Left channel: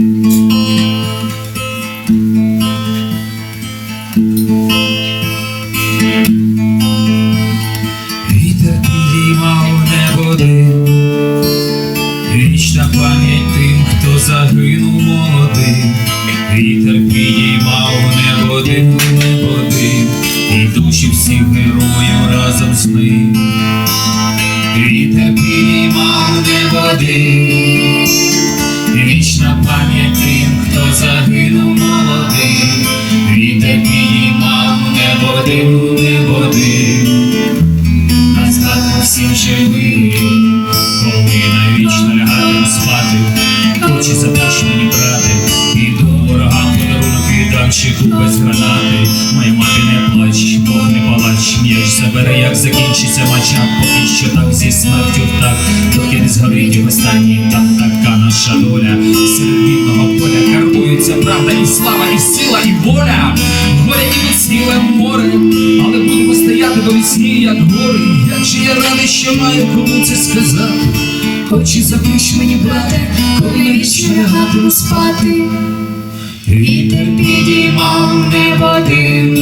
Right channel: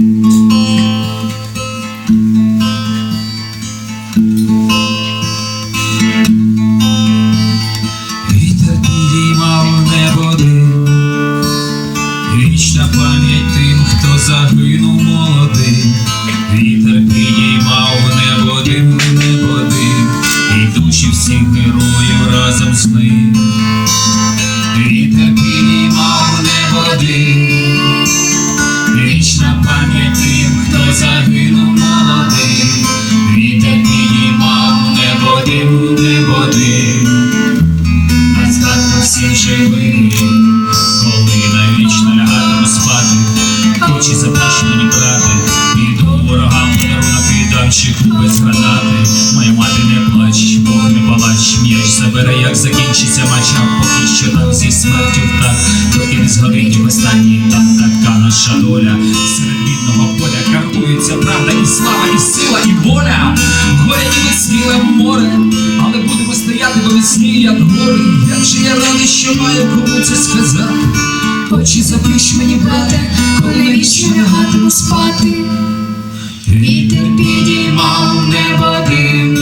Вітер до весні, як гори. Же я радий, що маю кому це сказати. Очі заплющ мені, брате, коли навічно лягатиму спати. Вітер підіймав небо дим,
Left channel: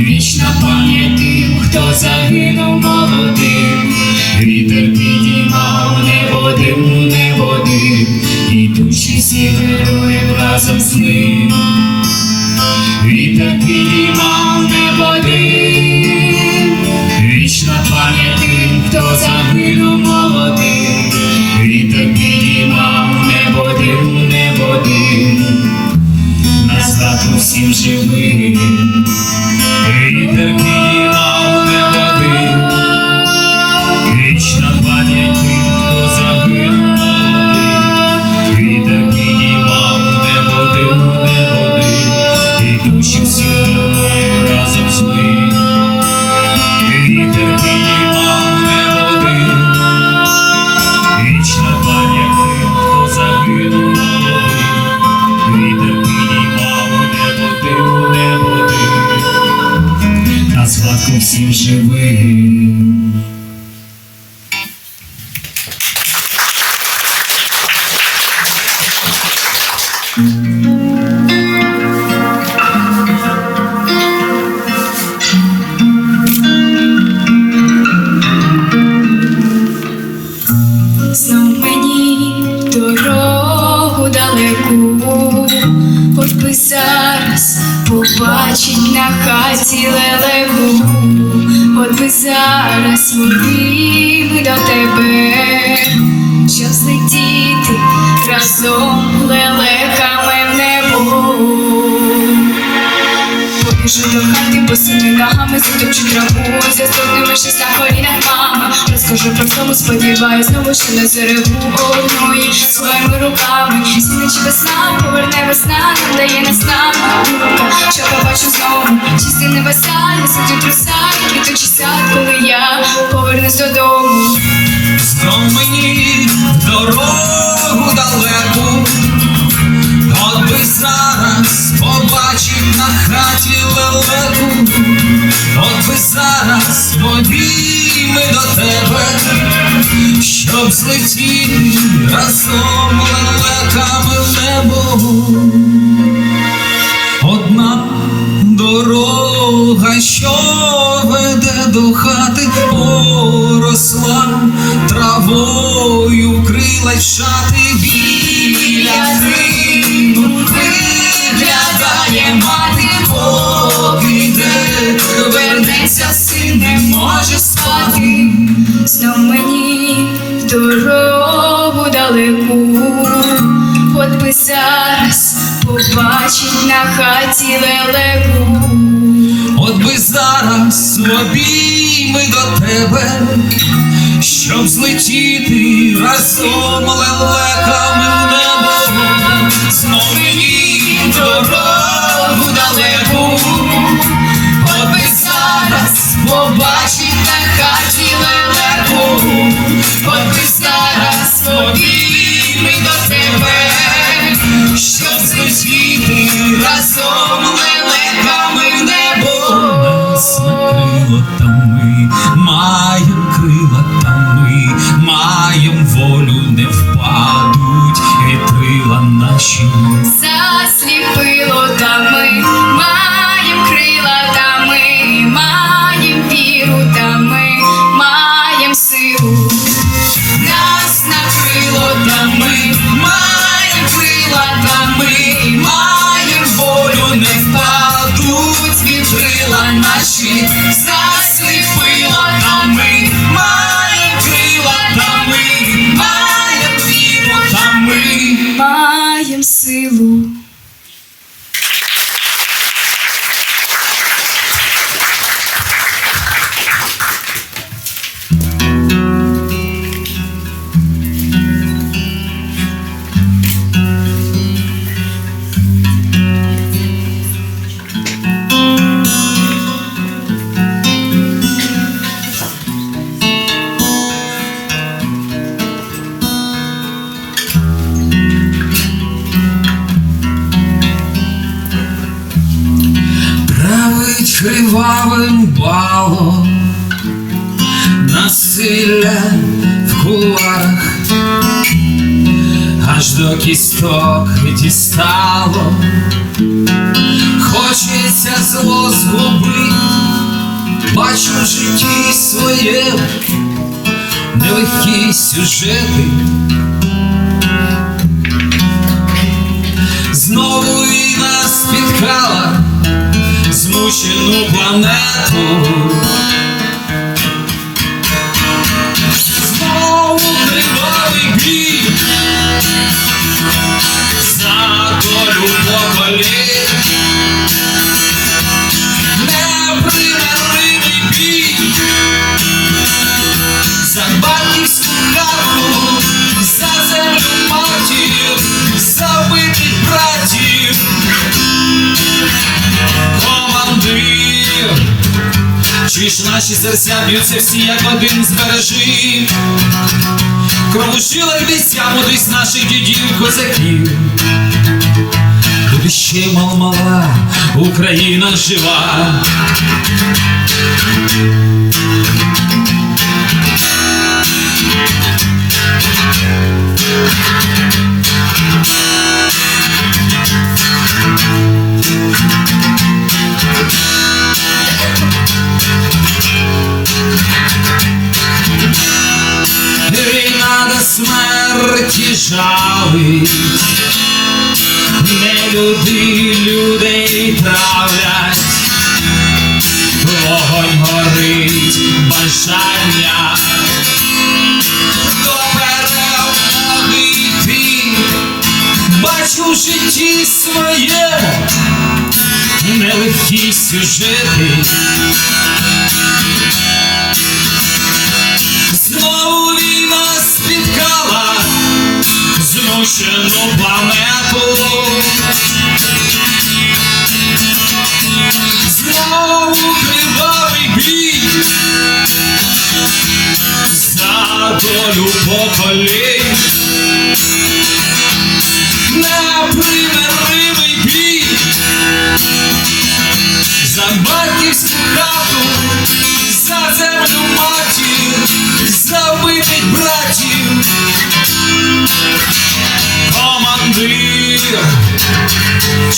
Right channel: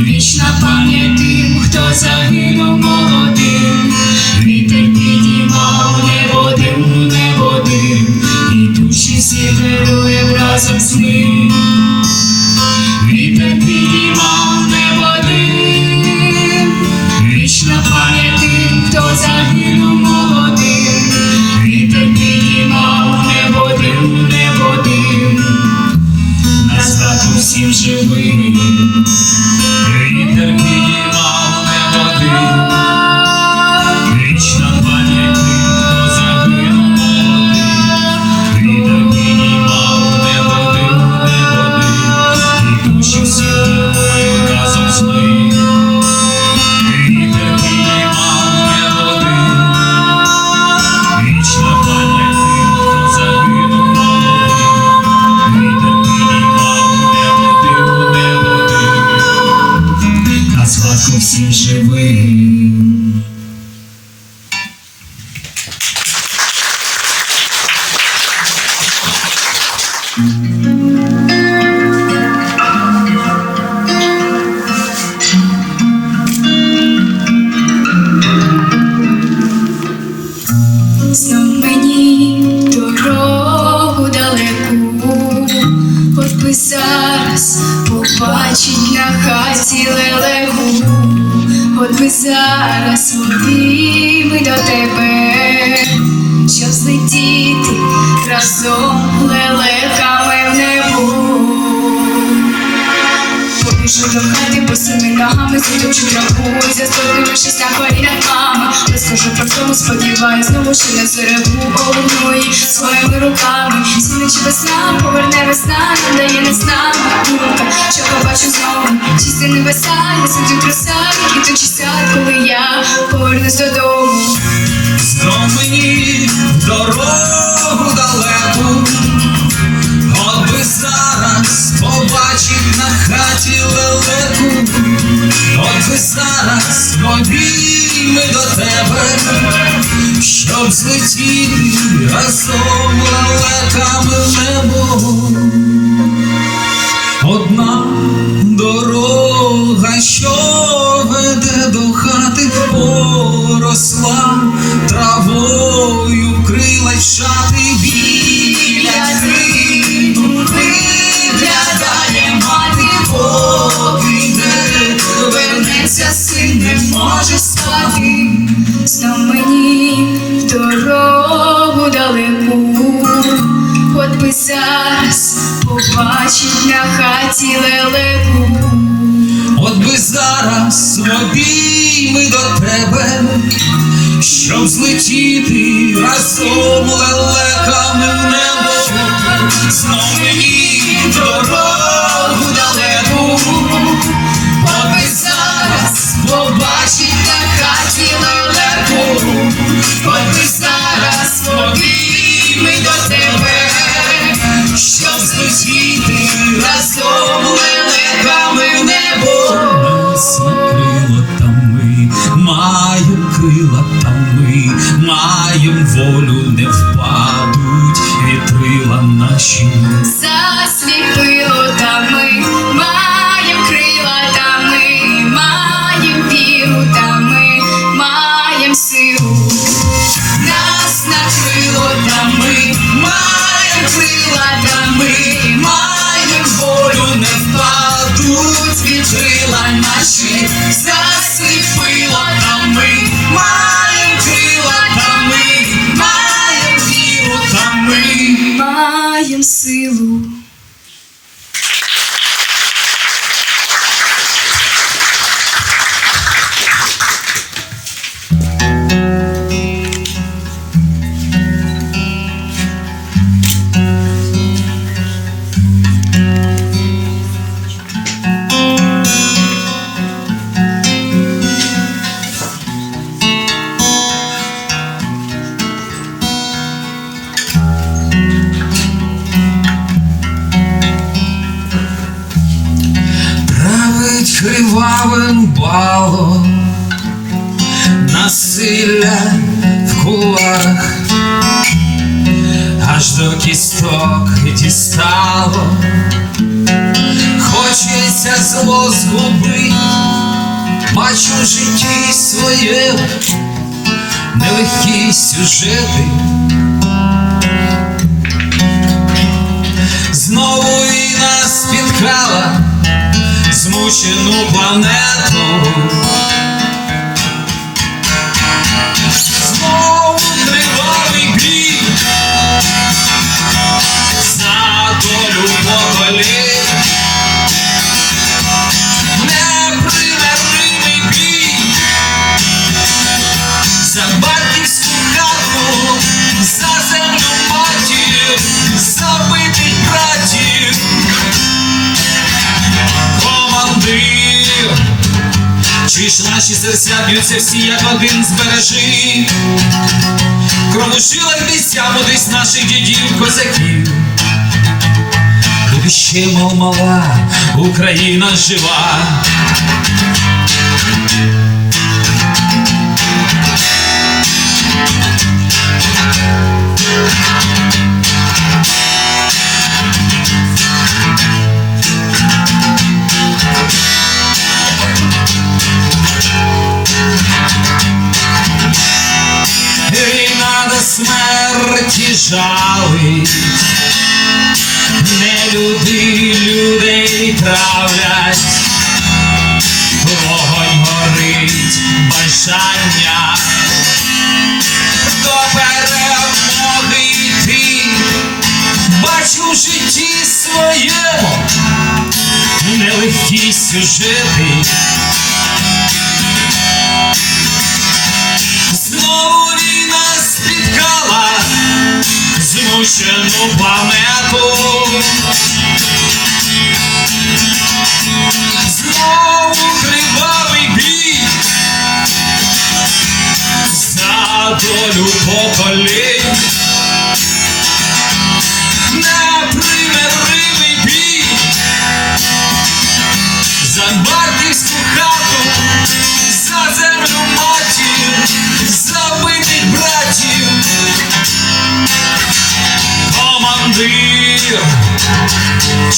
вічна пам'ять тим, хто загинув молодим. Вітер підіймав небо дим, небо дим, і душі героїв разом з ним. Хаті лелеку, От би зараз водими до тебе, щоб злетіти разом лелеками в небо. Побіжу до хати босими ногами, затопчу траву, застою щось на колінах мами. Розкажу про тому, сподіваюсь, знову що не зареву. Сінич весна, поверне весна, нам дає нас нам що побачу знову. Чисті небеса, я сиджу труса, квітучий сад, коли я повернусь додому. Знов мені дорогу далеку, от би зараз побачив на хаті лелеку, от би зараз обійми до тебе, щоб злетіли разом лелеками в небо. Одна дорога, що веде до хати, поросла травою крила шати на хаті лелеку. От би зараз обійми до тебе, щоб злетіти разом лелеками в небо, знов мені дорогу кривавим балом. Насилля в куларах, аж до кісток дістало, хочеться зло згубить, бачу в житті своє. Нелегкі сюжети. Змучену планету. Ж наші серця б'ються всі, як один збережи? Кровушила й бійця мудрість наших дідів козаків. Буде ще мал мала Україна жива. Жалить, не люди людей травлять, вогонь горить бажання. До перемоги йти, бачу в житті своєму нелегкі сюжети. Знову змучену планету. Знову кривавий бій за долю поколінь. Непримиримий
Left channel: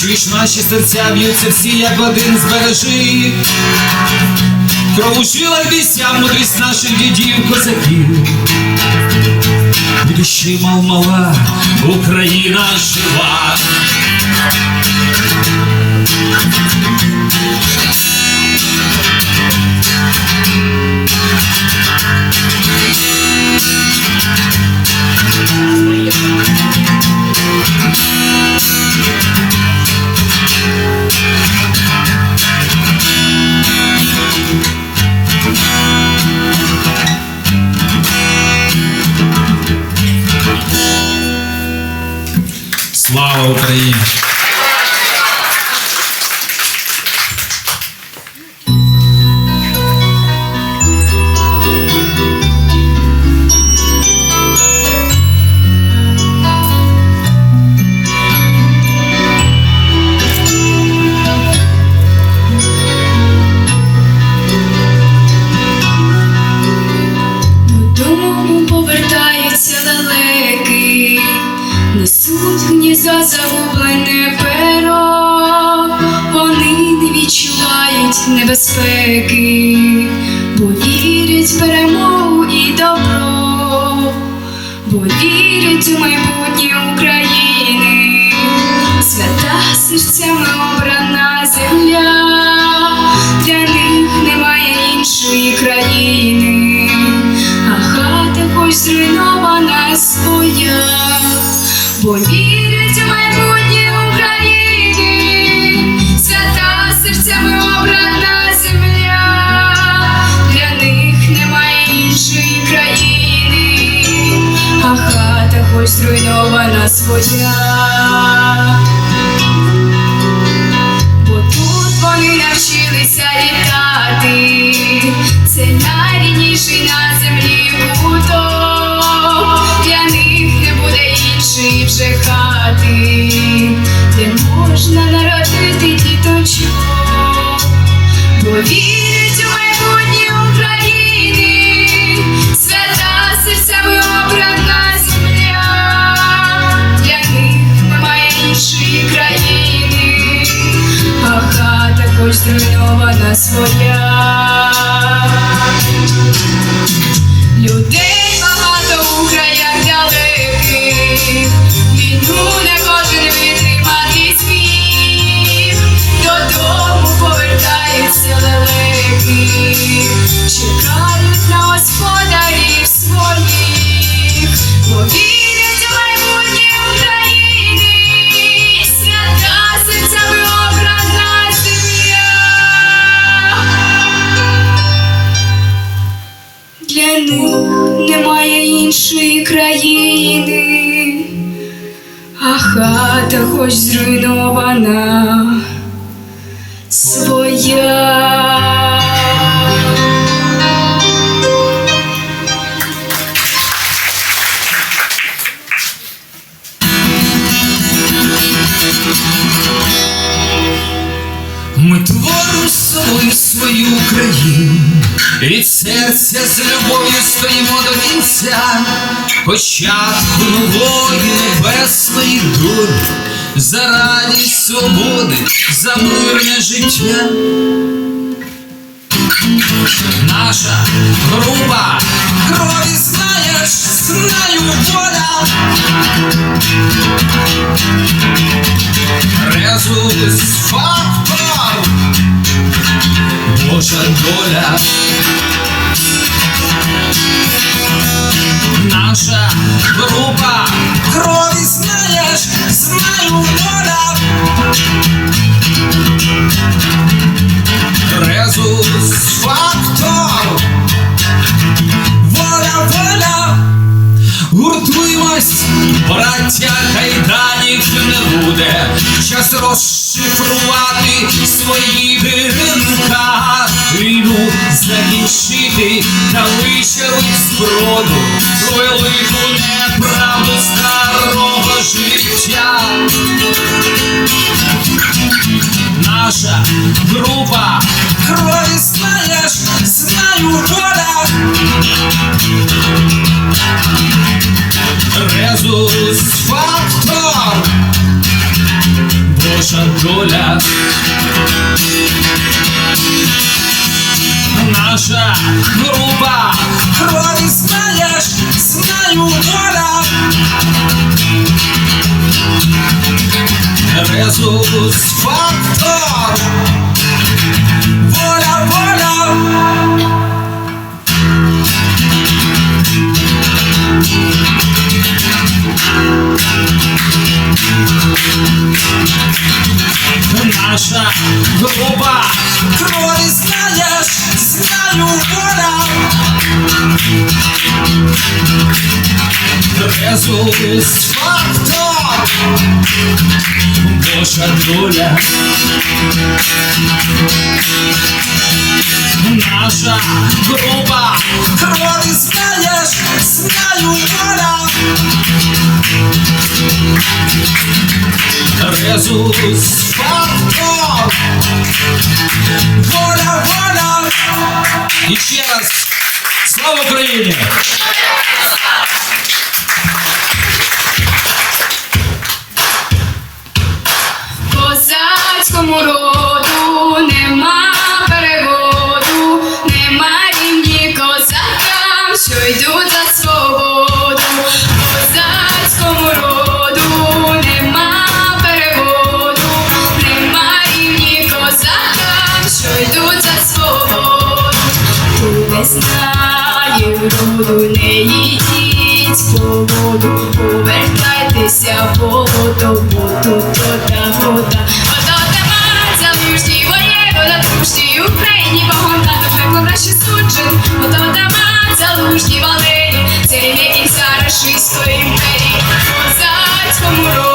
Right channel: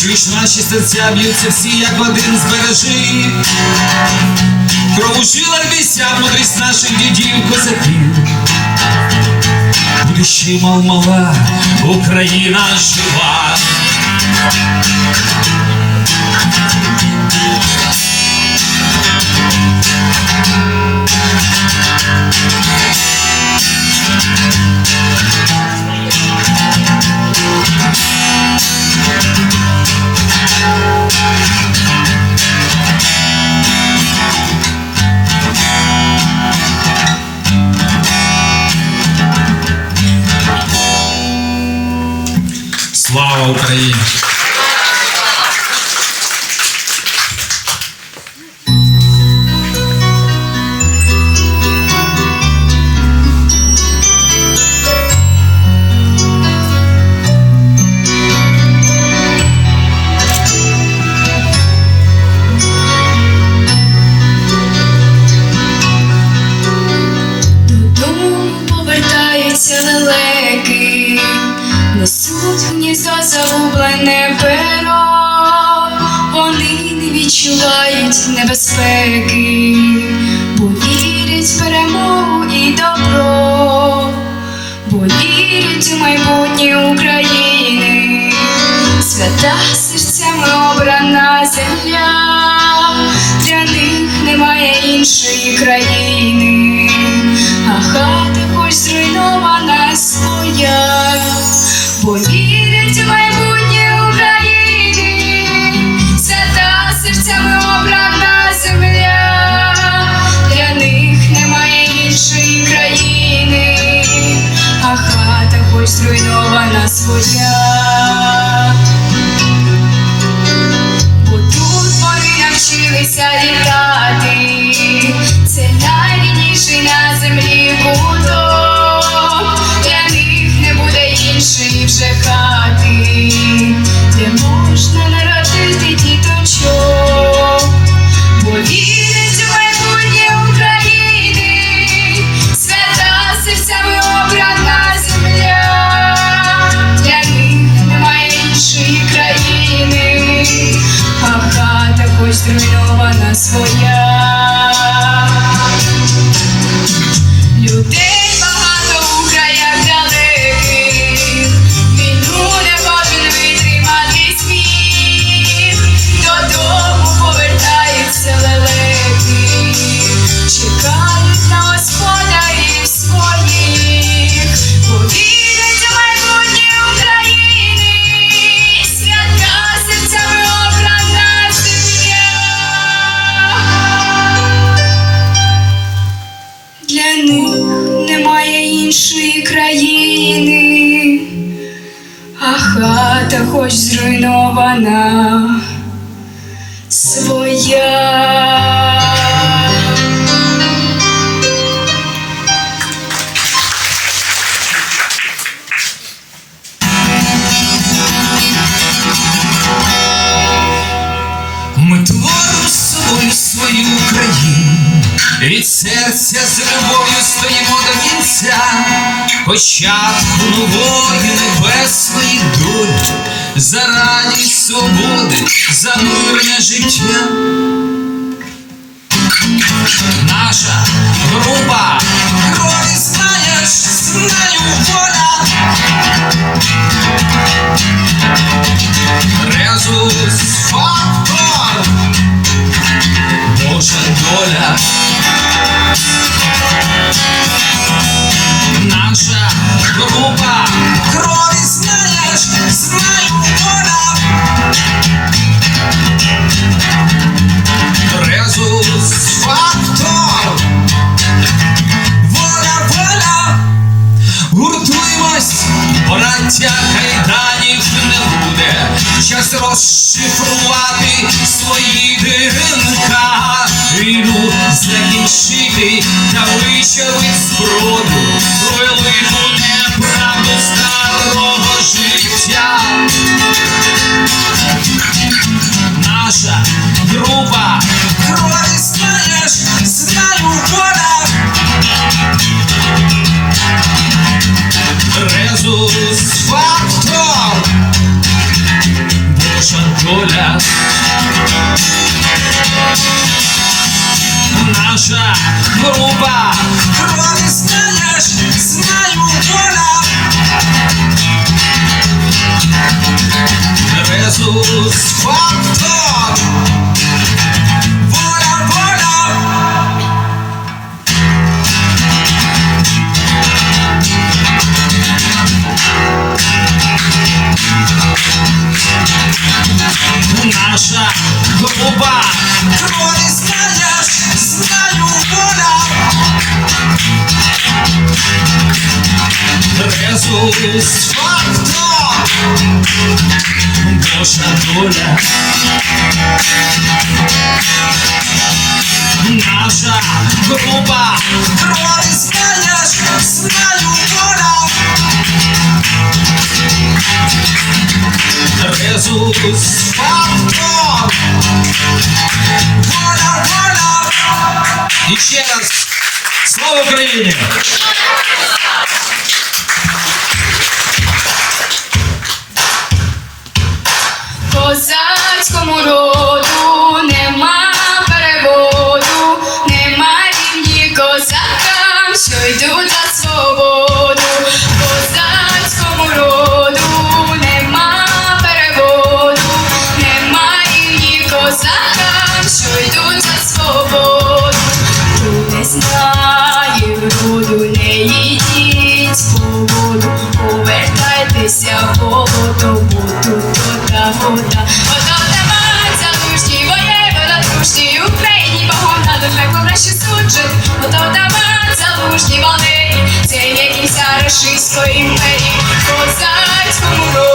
Чуєш наші серця б'ються всі, як один збережи. Крову жила бійся, мудрість наших дідів козаків. Ще мал мала Україна жива. Слава зруйнована своя. Для них немає іншої країни, а хата хоч зруйнована серця з любов'ю стоїмо до кінця, початку нової небесної долі, за радість свободи, за мирне життя. Наша група крові. Резус фактор, Божа доля. Наша група крові знаєш, знаю воля. Час розшифрувати свої диринка, війну закінчити та вичерпить зброду, велику неправду старого життя. Наша група крові знаєш, знаю воля. Резус фактор, Божа доля. Наша група крові знаєш, знаю воля. Резус фактор, воля, воля. Наша група крові знаєш, знаю воля. Резус фактор, Божа доля. Наша група крові знаєш, знаю воля. Резус воля, воля. І ще раз слава Україні! Боротися голодову, тут вода, вода. Вода нема, залужні, воєвода, дружні, Україні, погода до нехай краще суджен. Вода нема, залужні, валені, це є кінця Російської імперії. Козацькому роду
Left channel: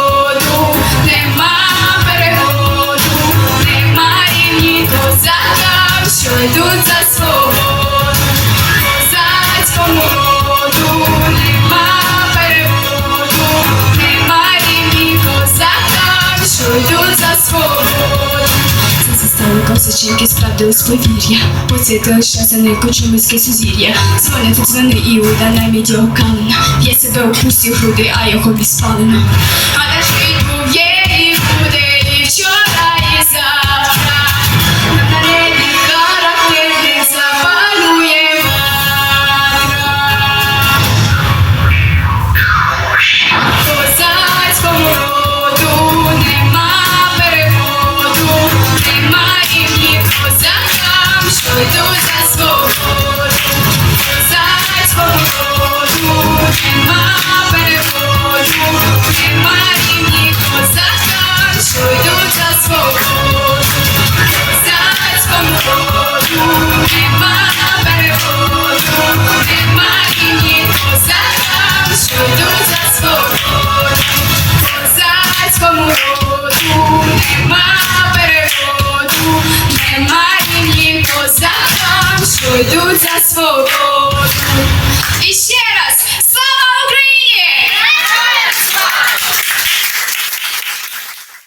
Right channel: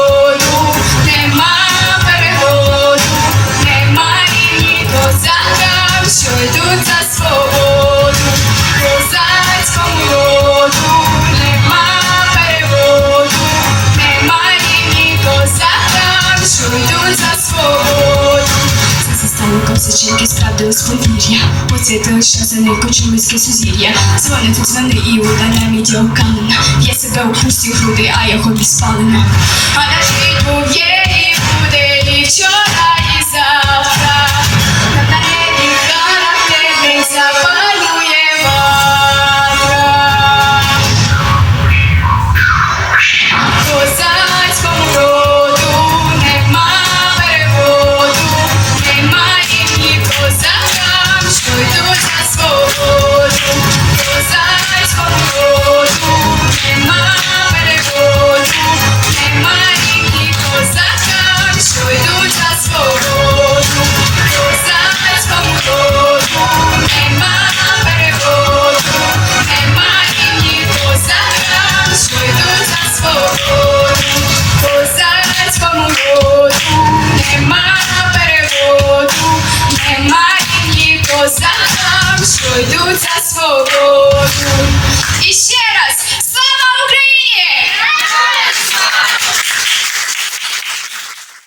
застали косиченьки з Поцвіти. Лише за некочемицьке сузір'я. Дзвони тут дзвони Іуда на мідіоканена. Я себе у пусті груди, а його відспалено.